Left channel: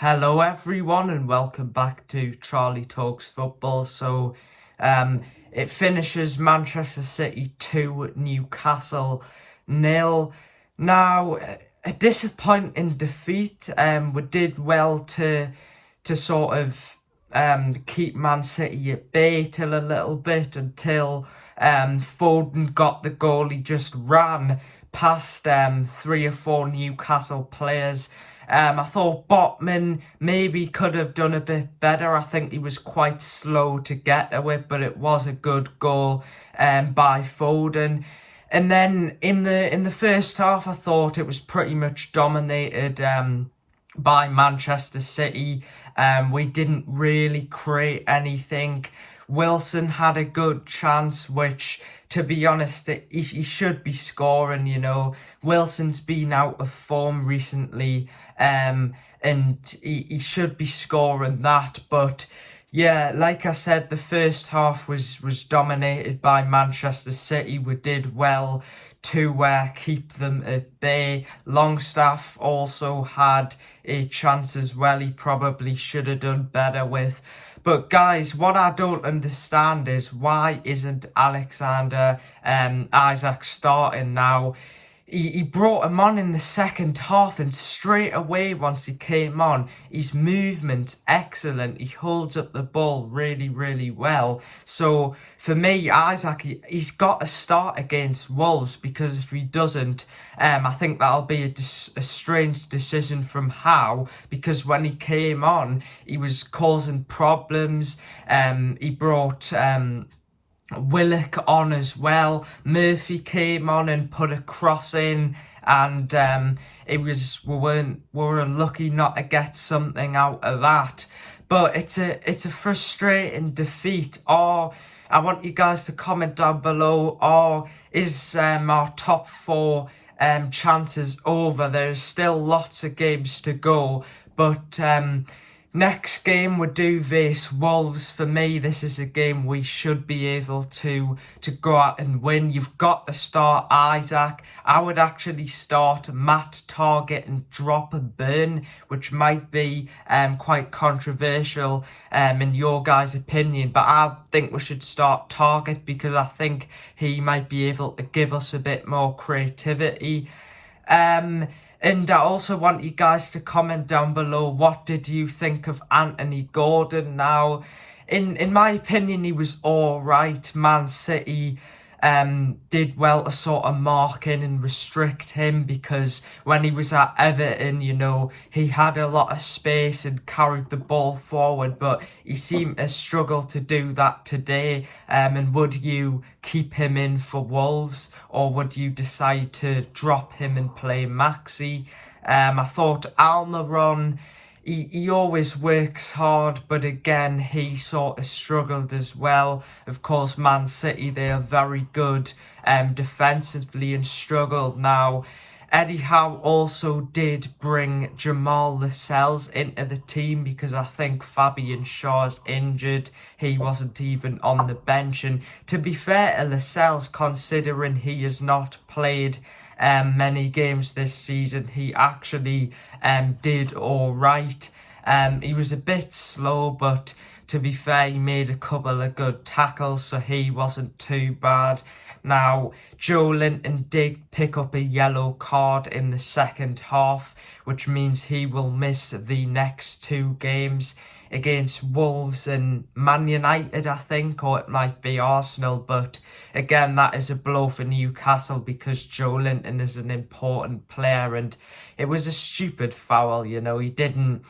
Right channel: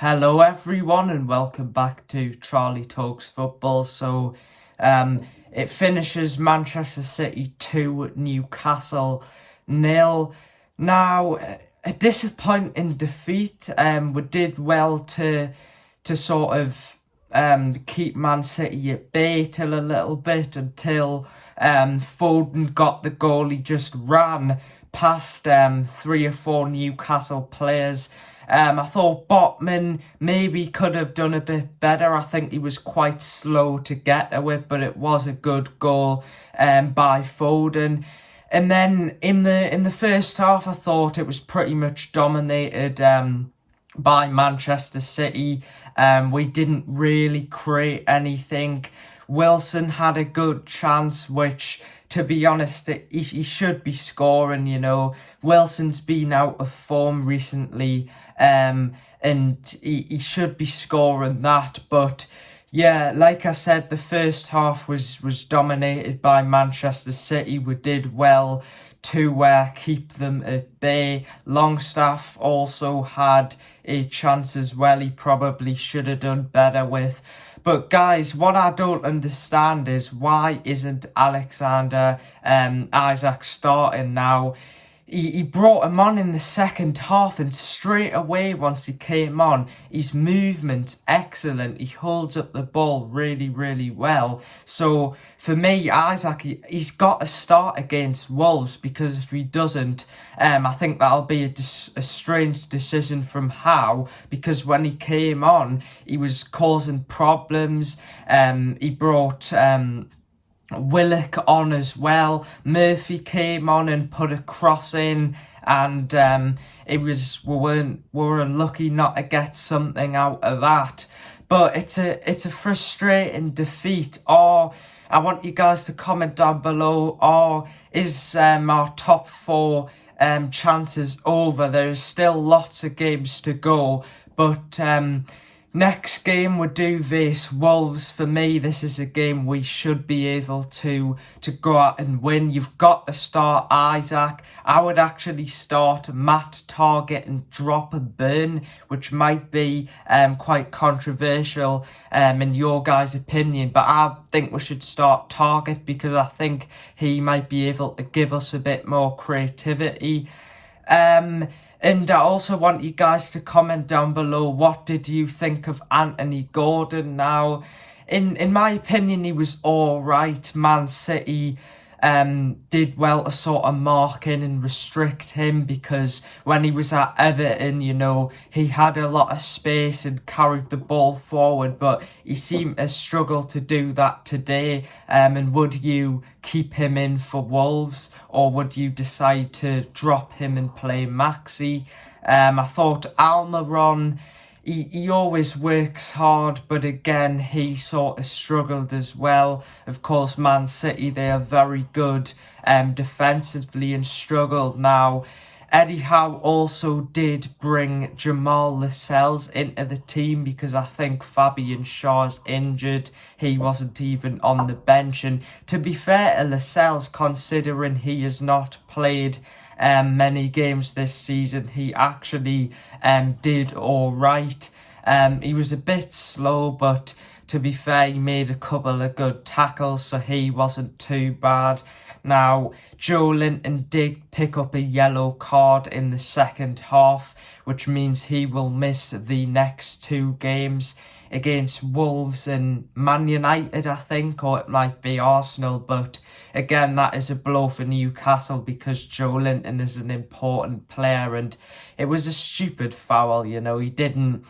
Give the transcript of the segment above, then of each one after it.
Hello everyone and welcome back to Charlie Talks Football. It finishes Manchester City 2, Newcastle 0. Now, a disappointing defeat. We did well to sort of keep Man City at bay till a little bit until Foden got the goal. He just ran past 3 or 4 Newcastle players. I thought Botman maybe could have done a bit better. I think he was quite slow to get to it, but it was a good goal by Foden. And then in the first half, I thought it was pretty much dominated by Manchester City. We didn't really create anything. Wilson had a good chance, which, to be honest, he should be scoring, you know. Wilson's been out of form recently, and he should be scoring that. But yeah, like I said, the first half was dominated by Manchester City. We did well to keep them at bay. Longstaff also had a chance as well. He probably should have done better with. But guys, what I don't understand is why isn't Alexander Isak starting now? He brought him on in the second half, and straight away once he came on, his movement's excellent. He holds up the ball really, really well. So for me, Isak, he's got to start against Wolves, because if he doesn't, I think that'll be a strange decision from Howe, because when he came on, he was causing problems. He brought Willock on as well. Murphy came on and put a cross in, and we were unlucky not to get something out of that. But it's a frustrating defeat. Or I want you guys to comment down below, or is our top 4 chances over? There's still lots of games to go, but next game we do face Wolves. For me, this is a game we should be able to go out and win. You've got to start Isak. I would actually start Matt, Target and drop a Burn, which might be quite controversial in your guys' opinion, but I think we should start Target because I think he might be able to give us a bit more creativity. And I also want you guys to comment down below, what did you think of Anthony Gordon? Now, in my opinion, he was all right. Man City did well to sort of mark in and restrict him, because when he was at Everton, you know, he had a lot of space and carried the ball forward, but he seemed to struggle to do that today. And would you keep him in for Wolves, or would you decide to drop him and play Maxi? I thought Almiron, he always works hard, but again, he sort of struggled as well. Of course, Man City, they are very good defensively and struggled. Now, Eddie Howe also did bring Jamal Lewis into the team, because I think Fabian Schär's injured. He wasn't even on the bench. And to be fair to Lascelles, considering he has not played many games this season, he actually did all right. He was a bit slow, but to be fair, he made a couple of good tackles, so he wasn't too bad. Now, Joe Linton did pick up a yellow card in the second half, which means he will miss the next 2 games against Wolves and Man United, I think, or it might be Arsenal. But again, that is a blow for Newcastle, because Joe Linton is an important player, and it was a stupid foul. You know, he didn't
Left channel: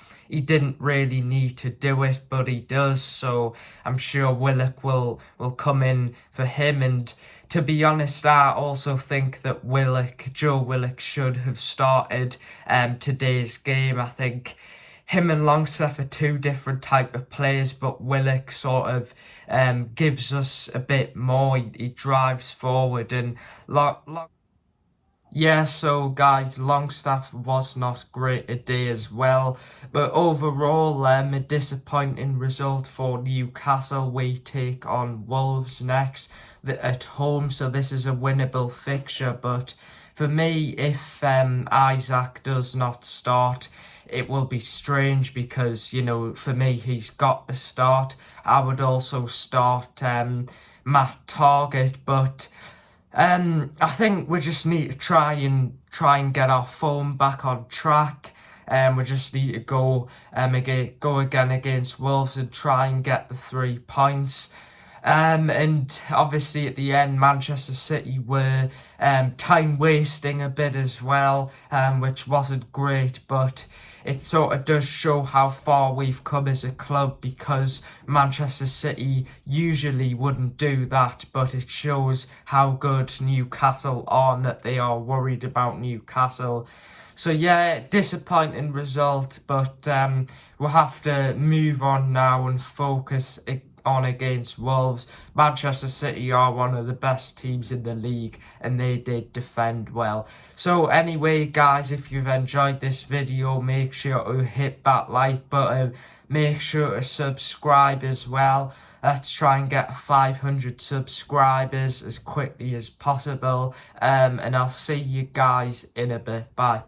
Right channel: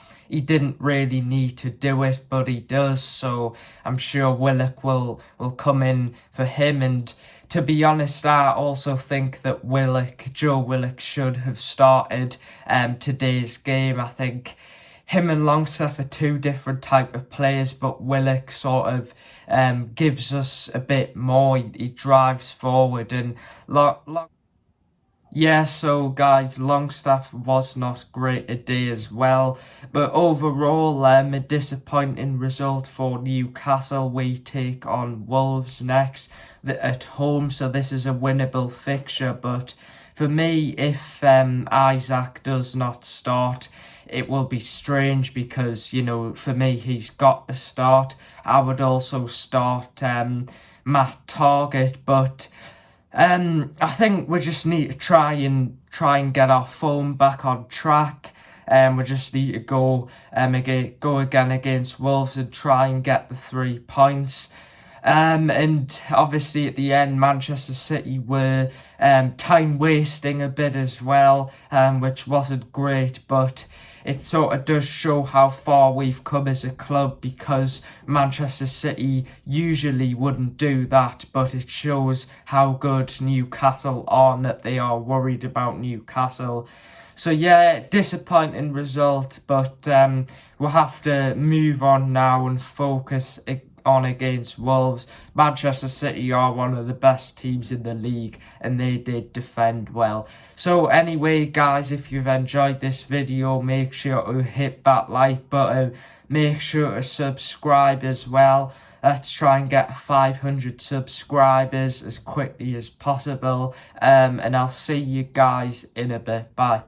really need to do it, but he does. So I'm sure Willock will come in for him. And to be honest, I also think that Joe Willock should have started today's game. I think him and Longstaff are 2 different type of players, but Willock sort of gives us a bit more. He drives forward, and yeah, so guys, Longstaff was not great today as well. But overall, a disappointing result for Newcastle. We take on Wolves next at home, so this is a winnable fixture. But for me, if Isaac does not start, it will be strange because, you know, for me, he's got to start. I would also start Matt Targett, but I think we just need to try and get our form back on track. We just need to go again against Wolves and try and get the 3 points. And obviously at the end, Manchester City were time wasting a bit as well, which wasn't great, but it sort of does show how far we've come as a club, because Manchester City usually wouldn't do that, but it shows how good Newcastle are and that they are worried about Newcastle. So yeah, disappointing result, but we'll have to move on now and focus on against Wolves. Manchester City are one of the best teams in the league and they did defend well. So anyway guys, if you've enjoyed this video, make sure to hit that like button, make sure to subscribe as well. Let's try and get 500 subscribers as quickly as possible, and I'll see you guys in a bit. Bye.